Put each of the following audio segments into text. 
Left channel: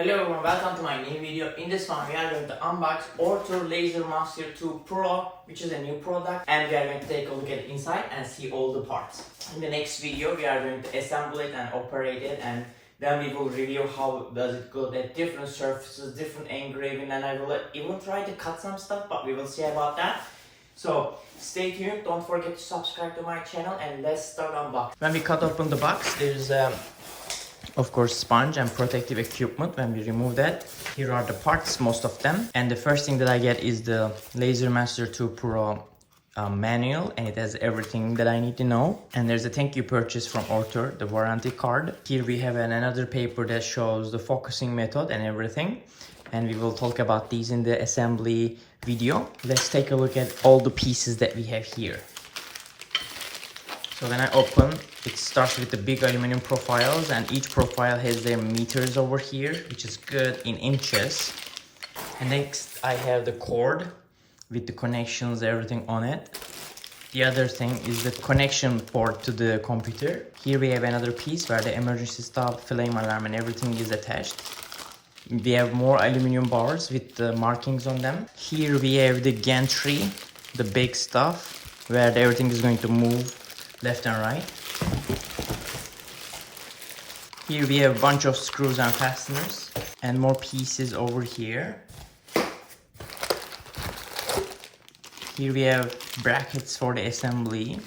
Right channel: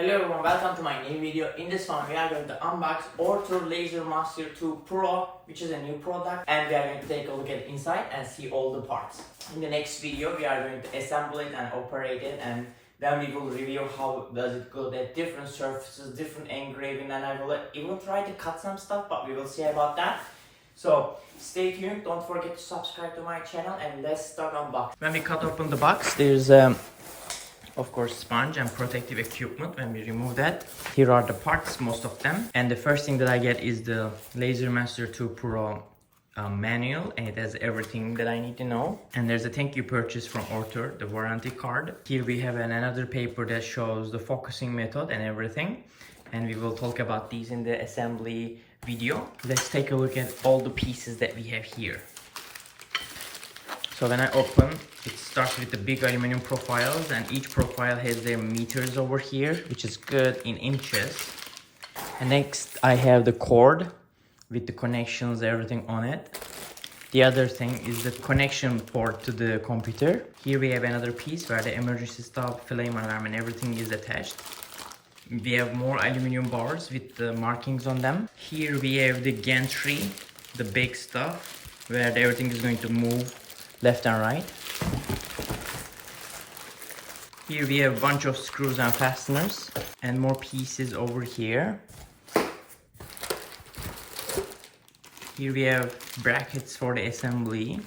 Hello everyone, welcome to my new video. In this one we are going to unbox ORTUR Laser Master 2 Pro, which is a new product, and we are going to take a look at inside and see all the parts. In the next video we are going to assemble it and operate it, and then we will review how does it go at different surfaces, different engraving, and I will even try to cut some stuff, but we will see about that. So stay tuned, don't forget to subscribe to my channel, and let's start unboxing. When we cut open the box, there's of course sponge and protective equipment. When we remove that, here are the parts, most of them, and the first thing that I get is the Laser Master 2 Pro manual, and it has everything that I need to know. And there's a thank you purchase from ORTUR, the warranty card. Here we have another paper that shows the focusing method and everything, and we will talk about these in the assembly video. Let's take a look at all the pieces that we have here. So when I open, it starts with the big aluminum profiles, and each profile has their meters over here, which is good in inches. And next I have the cord with the connections, everything on it. The other thing is the connection port to the computer. Here we have another piece where the emergency stop, flame alarm, and everything is attached. We have more aluminum bars with the markings on them. Here we have the gantry, the big stuff, where everything is going to move left and right. Here we have a bunch of screws and fasteners, and more pieces over here. Here we have brackets for the assembly.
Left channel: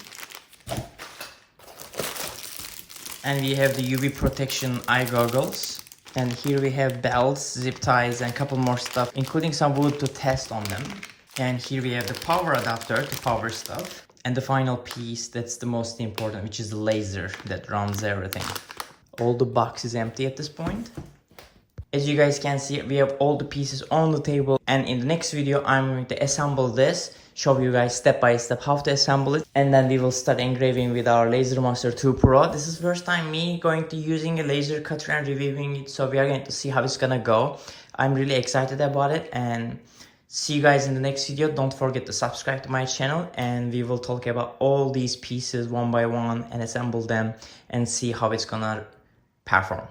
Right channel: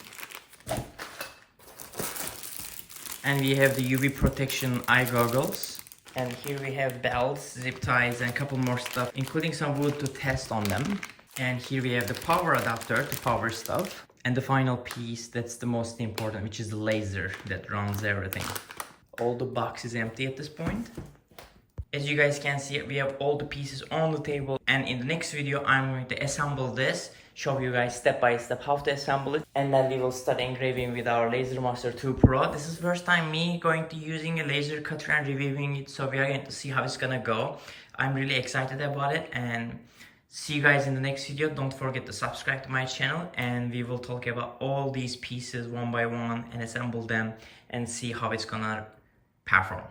And we have the UV protection eye goggles. And here we have belts, zip ties, and a couple more stuff, including some wood to test on them. And here we have the power adapter to power stuff. And the final piece, that's the most important, which is the laser that runs everything. All the box is empty at this point. As you guys can see, we have all the pieces on the table. And in the next video, I'm going to assemble this, show you guys step by step how to assemble it. And then we will start engraving with our Laser Master 2 Pro. This is the first time me going to using a laser cutter and reviewing it. So we are going to see how it's gonna go. I'm really excited about it, and see you guys in the next video. Don't forget to subscribe to my channel, and we will talk about all these pieces one by one and assemble them and see how it's gonna perform.